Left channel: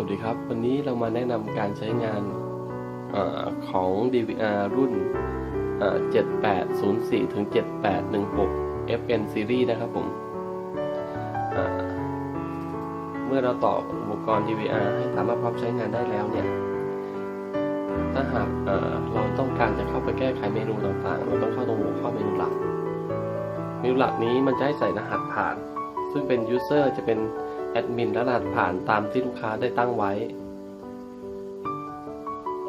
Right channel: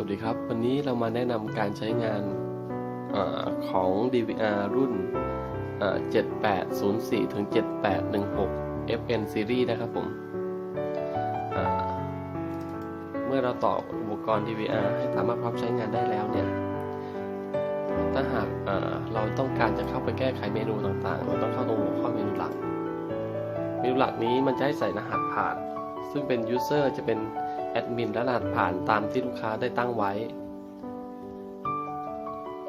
วัสดีครับ วันนี้เรามาแนะนำการใช้งานอของ DVR รุ่น 7804ถึง7816 FN Series นะครับผมเมื่อเราต่ออุปกรณ์ DVR ให้สามารถพร้อมใช้งานได้แล้วเนี่ย ถ้าหากเอ่อเราต้องการจะเข้าไปแก้ไขเมนูต่างๆ เราต้องเข้าตรงหัวข้อเมนูหลัก เมนูหลักนี้มันจะให้ใส่รหัสผ่าน ซึ่งเป็น user จะเป็น แอดมินและรหัสผ่านตามที่ลูกค้าได้ตั้งไว้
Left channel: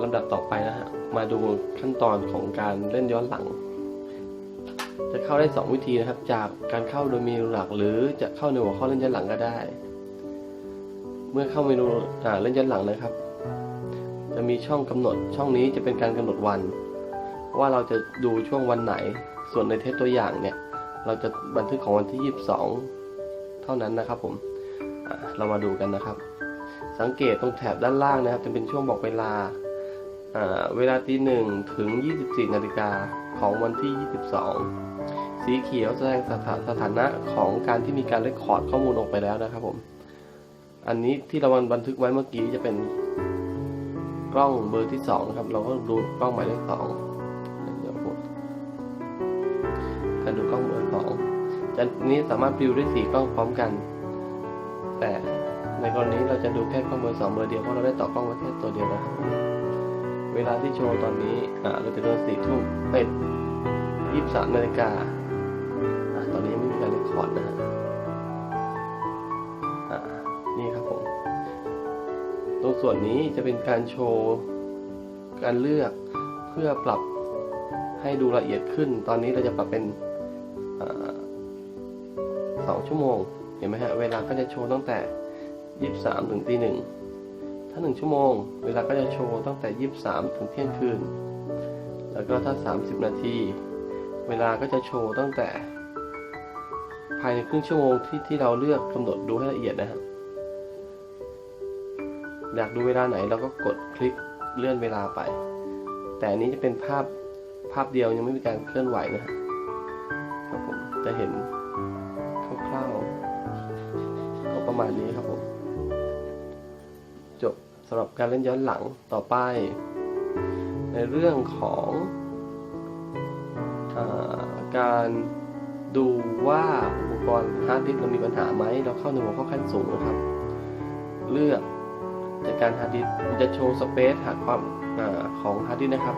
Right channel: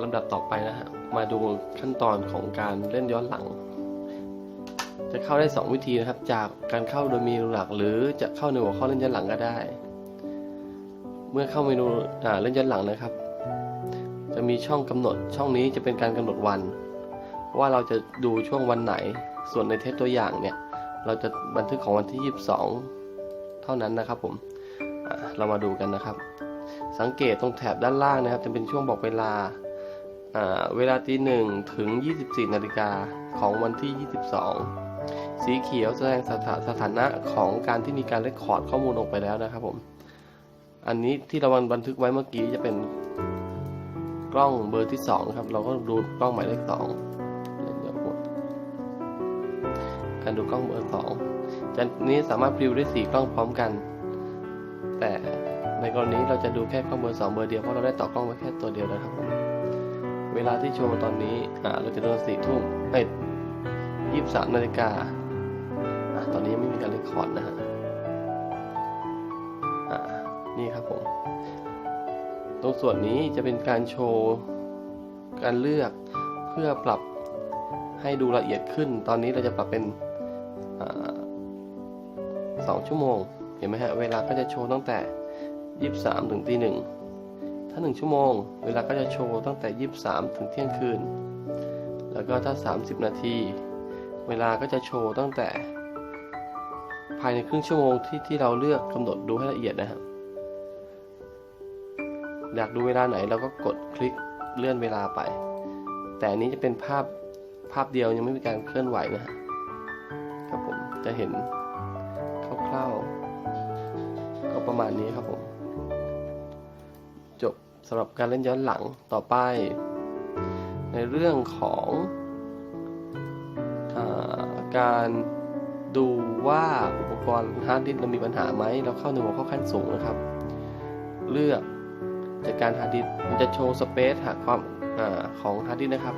ลำดับต่อไปนะฮะ มาดูขั้นตอนของการเล่นย้อนหลัง จะเข้าได้ 2 วิธีนะครับ จากการเข้าโดยเมนูหลักหรือจะเข้าในหัวข้อเล่นย้อนหลังก็ได้ เมื่อเข้าเมนูอ่าเล่นย้อนหลังนะครับ จะมีช่องกำหนด ช่องนี้จะเป็นการกำหนดวัน ว่าเราจะดูช่วงวันไหน ส่วนในเทปตัวอย่างเนี่ย เราจะบันทึกของวันที่ 22 เท่านั้นนะครับผม เรามาดูกันนะครับ สังเกตตรงแถบด้านล่างนะครับ จะเป็นช่วงบอกเวลาเวลาตีหนึ่งถึง 24 นาฬิกาของวันที่ 22 สีเขียวแสดงสถาสถานะของการที่มีการเรคคอร์ดข้อมูลออกไปแล้วนะครับผม อันนี้ที่เราบันทึกไว้เมื่อกี้จะเป็นกล้องเบอร์ที่ 2 นะครับ เราก็ดูกล้องหมายเลขสองเดี๋ยวผมการดูกล้องเบอร์สองจากนี้สามารถพิวได้สี่กล้องพร้อมกัน แต่ในกรณีเราจะดูแค่กล้องเบอสองเบอร์เดียวเพราะเราได้ต่อกล้องไว้แค่ตัวเดียวนะครับ เวลาที่โชว์ตอนนี้อ่าเราจะเดินสี่ทุ่มเอ้ยยี่สิบสามนาฬิกาตอนนี้ไม่มีการเรคคอร์ดนะฮะนี่ครับผม ตรงส่วนนี้จะเป็นการโชว์การเลือกเพื่อปรับให้ดูละเอียดขึ้น ตอนนี้เราจะปรับเป็นสองชั่วโมง ห็นไหมฮะเวลาก็จะโชว์ตั้งแต่ 23 ถึงตีหนึ่งถ้า 1 ชั่วโมง เวลาก็จะโชว์ตั้งแต่ 23 ถึงเที่ยงคืน แล้วก็ถ้า 30 นาที เวลาก็จะโชว์ตั้งแต่ ภายในครึ่งชั่วโมงที่ที่เราเลือกกำหนดดูให้ละเอียดนะฮะอยากดูเวลาไหนเราก็กดคลิกเลื่อนเวลาไป แต่อันนี้จะเป็นภาพภาพเดียวยังไม่มีการเคลื่อนไหวนะฮะครับผมจะเห็น มาณนี้ครับผม จบสำหรับการเล่นย้อนหลังต่อไป ในเรื่องของอการดูว่าอุปกรณ์ฮาร์ดดิสก์เรามีปัญหาไหมเราเข้าในหัวข้อขั้นสูงนะครับ เลือกจากการฮาร์ดดิสก์มันจะโชว์สเปซหาความอาของฮาร์ดดิสก์นะครับ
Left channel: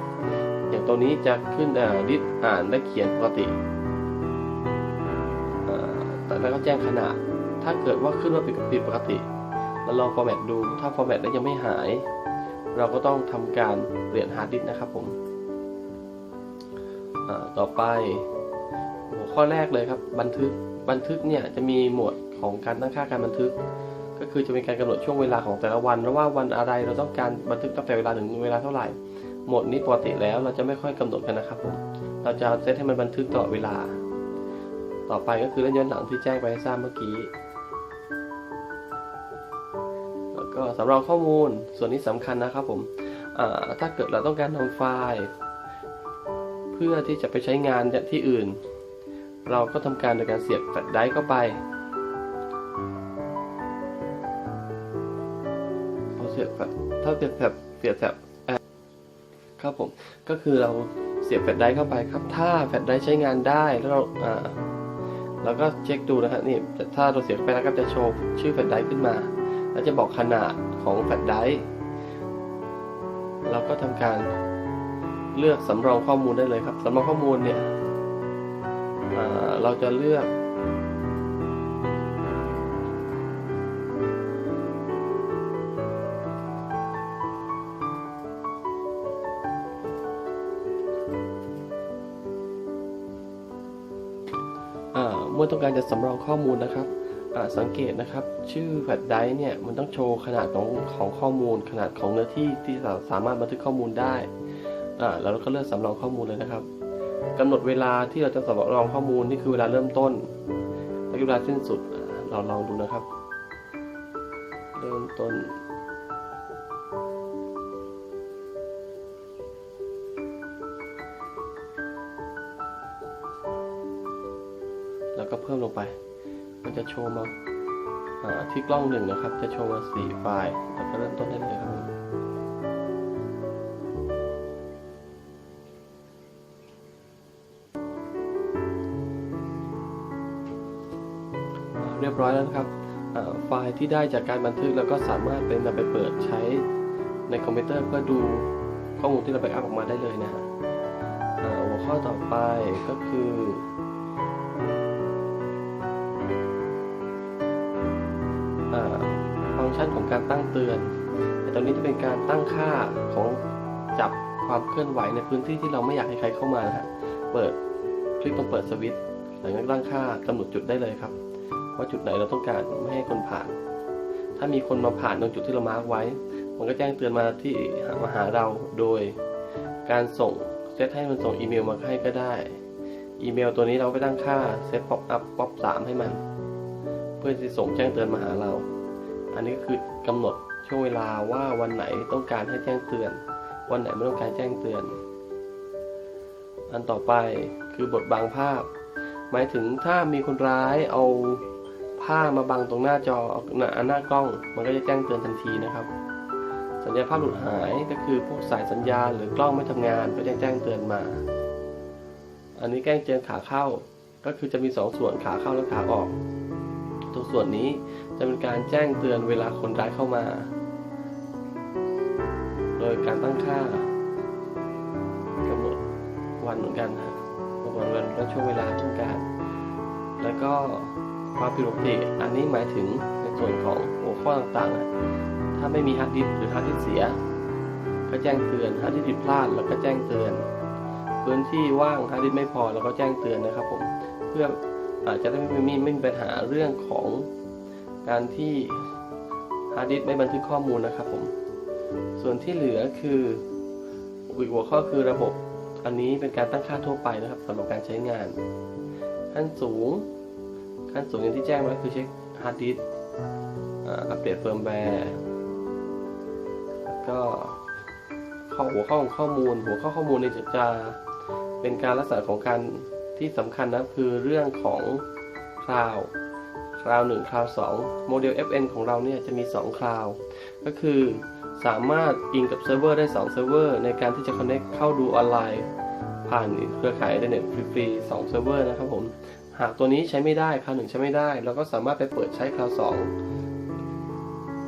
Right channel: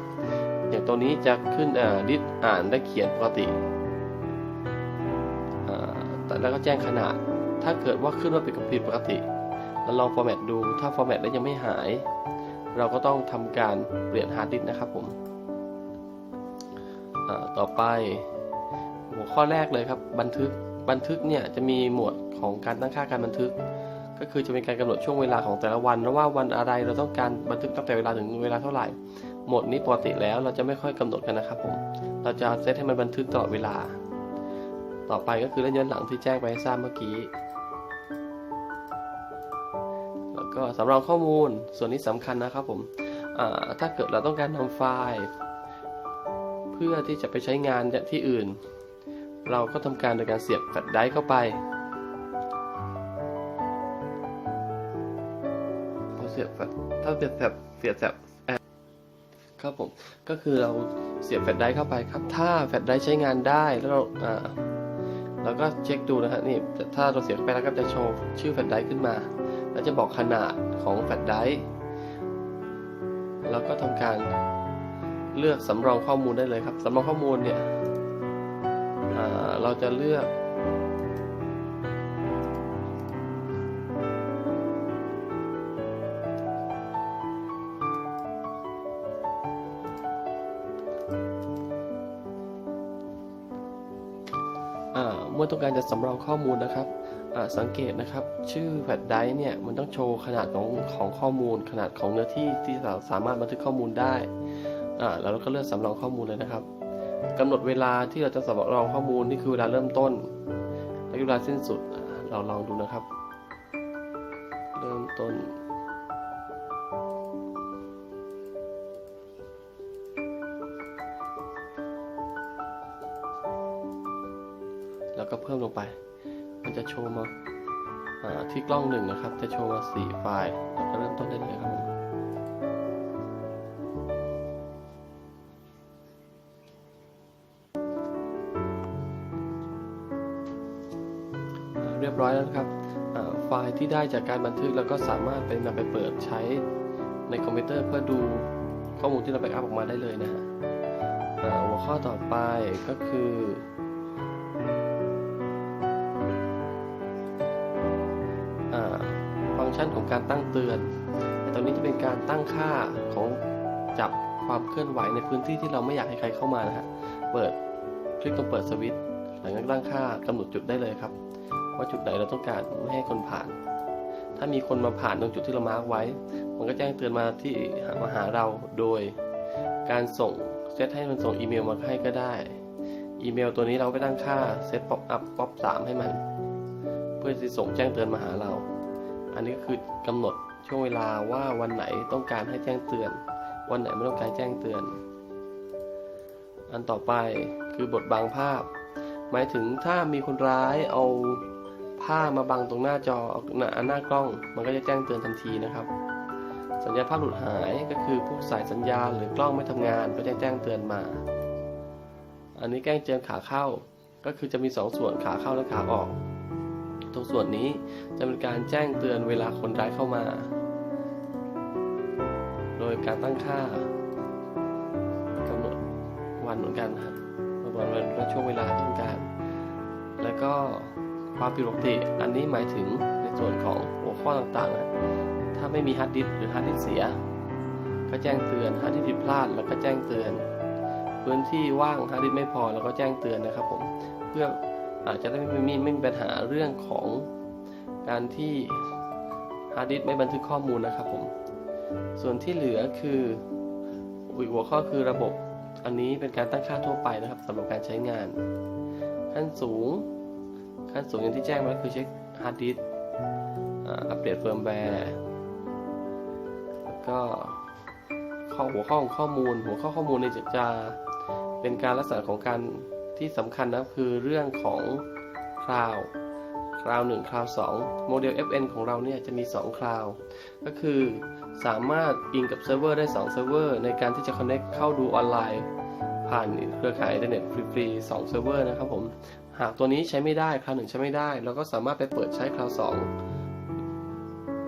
อย่างตัวนี้จะขึ้นดิสอ่านและเขียนปกติแต่แล้วก็แจ้งขนาด ถ้าเกิดว่าขึ้นว่าผิดผิดปกติเราลองฟอร์แมตดู ถ้าฟอร์แมตแล้วยังไม่หาย เราก็ต้องทำการเปลี่ยนฮาร์ดดิสก์นะครับผมต่อไปหัวข้อแรกเลยครับ บันทึกบันทึกเนี่ยจะมีหมวดของการตั้งค่าการบันทึก ก็คือจะเป็นการกำหนดช่วงเวลาของแต่ละวันว่าวันอะไรเราต้องการบันทึกตั้งแต่เวลาถึงเวลาเท่าไหร่หมวดนี้ปกติแล้วเราจะไม่ค่อยกำหนดกันนะครับผมเราจะเซตให้มันบันทึกตลอดเวลา ต่อไปก็คือเล่นย้อนหลังที่แจ้งไปให้ทราบเมื่อกี้ ก็สำรองข้อมูลส่วนนี้สำคัญนะครับผมถ้าเกิดเราต้องการนำไฟล์ เพื่อที่จะไปใช้งานที่อื่น เราก็ทำการโดยการเสียบแฟลชไดรฟ์เข้าไปเสียบแฟลชถ้าเสียบแฟลชเสียบแฟลชครับผมก็คือเราเสียบแฟลชไดรฟ์เข้าไปครับ ถ้าแฟลชไดรฟ์ใช้งานได้แล้วเราอ่าเราก็เช็คดูนะฮะนี่ถ้าเราเสียบไปแล้วก็จะโชว์ชื่อแฟลชไดรฟ์ขึ้นมา แล้วจะบอกขนาดของแฟลชไดรฟ์เราก็ทำการเลือกสำรองข้อมูลได้เลยครับสำรองข้อมูลเนี่ยเราจะเลือกเมื่อต้องการจะสำรองข้อมูลนะครับ สังเกตนะครับชื่อแฟลชไดร์เนี่ยมันต้องโชว์ขนาดของของข้อมูล ขนาดของเนื้อที่ที่เราสามารถบันทึกข้อมูลได้อแล้วเราก็เลือกสำรองข้อมูลเลยนะครับกำหนดเวลาที่เราจะสำรองข้อมูลนี่คือเวลาเริ่มต้นและเวลาสิ้นสุดอ่าเราลองดูนะครับ เริ่มต้นแล้วก็เพิ่มลงไป จะโชว์มาที่กล้องหนึ่งนะครับ จะโชว์มาสี่ไฟล์แล้วก็เริ่มต้นได้เลยครับเรียบร้อยแล้วครับไฟล์ที่ได้จากการบันทึกแล้วก็สามารถเป็นนำไปเปิดใช้ในคอมพิวเตอร์เพื่อดูข้อมูลที่เราไปอัพออกมาได้เลยนะฮะหัวข้อต่อไปก็คือ ชันของการตั้งเตือน แต่ตอนนี้จะเป็นการตั้งค่าของจับความเคลื่อนไหวในพื้นที่ที่เราไม่อยากให้ใครเข้ามานะฮะ เปิดคลิกตรงเปิดสวิตช์หลังจากนั้ตั้งค่ากำหนดจุดได้เลยครับ ว่าจุดไหนเราต้องการไม่ให้คนผ่าน ถ้ามีคนมาผ่านตรงจุดที่เรามาร์กไว้ มันก็แจ้งเตือนมาที่มาหาเราโดย การส่งเซตให้มันส่งอีเมลมาให้ก็ได้ อีเมลตัวนี้เราไปตั้งค่าเซตป๊อปอัพป๊อปสามให้มัน เพื่อจะส่งแจ้งเตือนมาหาเรา อันนี้ก็คือกำหนดช่วงเวลาว่าวันไหนต้องการให้แจ้งเตือน วันไหนไม่ต้องการแจ้งเตือน อันต่อไปคือบทบังภาพ หมายถึงถ้ามีคนร้ายเอาผ้ามาบังตรงหน้าจอหน้าหน้ากล้อง มันก็จะแจ้งเตือนทันทีนะครับ สัญญาณภาพหลุดหายก็คือพวกสายสัญญาณหรือกล้องไม่ทำงานก็จะแจ้งเตือนมา อันนี้แจ้งเตือนขาเข้าก็คือจะมีสองส่วนขาเข้าและขาออกตรงส่วนนี้ จะเป็นการแจ้งเตือนเวลาคนร้ายเข้ามา โดยการตั้งค่ากำหนดวันเหมือนกันนะวันดวันและช่วงเวลาที่ต้องการ แล้วก็ความผิดปกติอันนี้หมายถึงในส่วนของหัวข้อต่างๆ ถ้าไม่มีฮาร์ดดิสก์หรือฮาร์ดดิสก์เสีย ก็แจ้งเตือนฮาร์ดดิสก์ผิดพลาดแล้วก็แจ้งเตือน พื้นที่ว่างฮาร์ดดิสก์ไม่พอแล้วก็แจ้งเตือนนะครับผมเพื่ออาจจะได้ไม่มีไม่มีปัญหาเรื่องของ การที่ฮาร์ดดิสไม่บันทึกข้อมูลนะครับผม ส่วนที่เหลือคืออีกหัวข้อคือระบบอันนี้เป็นการตั้งค่าทั่วไปนะครับสำหรับการใช้งาน ขั้นสูง ขั้นสูงอย่างที่แจ้งไว้คือเช็คฮาร์ดดิสอัปเดตเฟิร์มแวร์แล้วก็ข้อหัวข้อของข้อมูล หัวข้อข้อมูลเนี่ยจะจะเป็นการลักษณะของการที่สำคัญนะคือเรื่องของคลาว คลาวหนึ่งคลาวสองโมเดล FN ของเราเนี่ยจะมี 2คลาว ก็คือสามารถอิงกับเซิร์ฟเวอร์ได้ 2 เซิร์ฟเวอร์ ในการที่จะ connect เข้าดูออนไลน์ ผ่านเครือข่ายอินเทอร์เน็ตฟรีๆ2เซิร์ฟเวอร์นะครับผม หากตัวนี้ใช้ไม่ได้คราวหนึ่งใช้ไม่ได้ เราก็สามารถไปเปิดใช้คราวสอง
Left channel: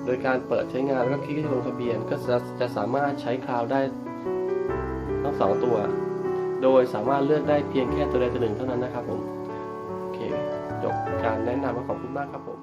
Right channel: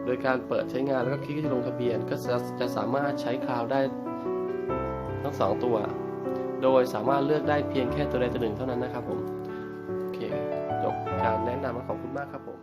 โดยการเปิดใช้งานแล้วก็คลิกที่ลงทะเบียนก็จะจะสามารถใช้คราวได้ทั้งสองตัว โดยสามารถเลือกได้เพียงแค่ตัวใดตัวหนึ่งเท่านั้นนะครับผม การแนะนำของคุณมากครับผม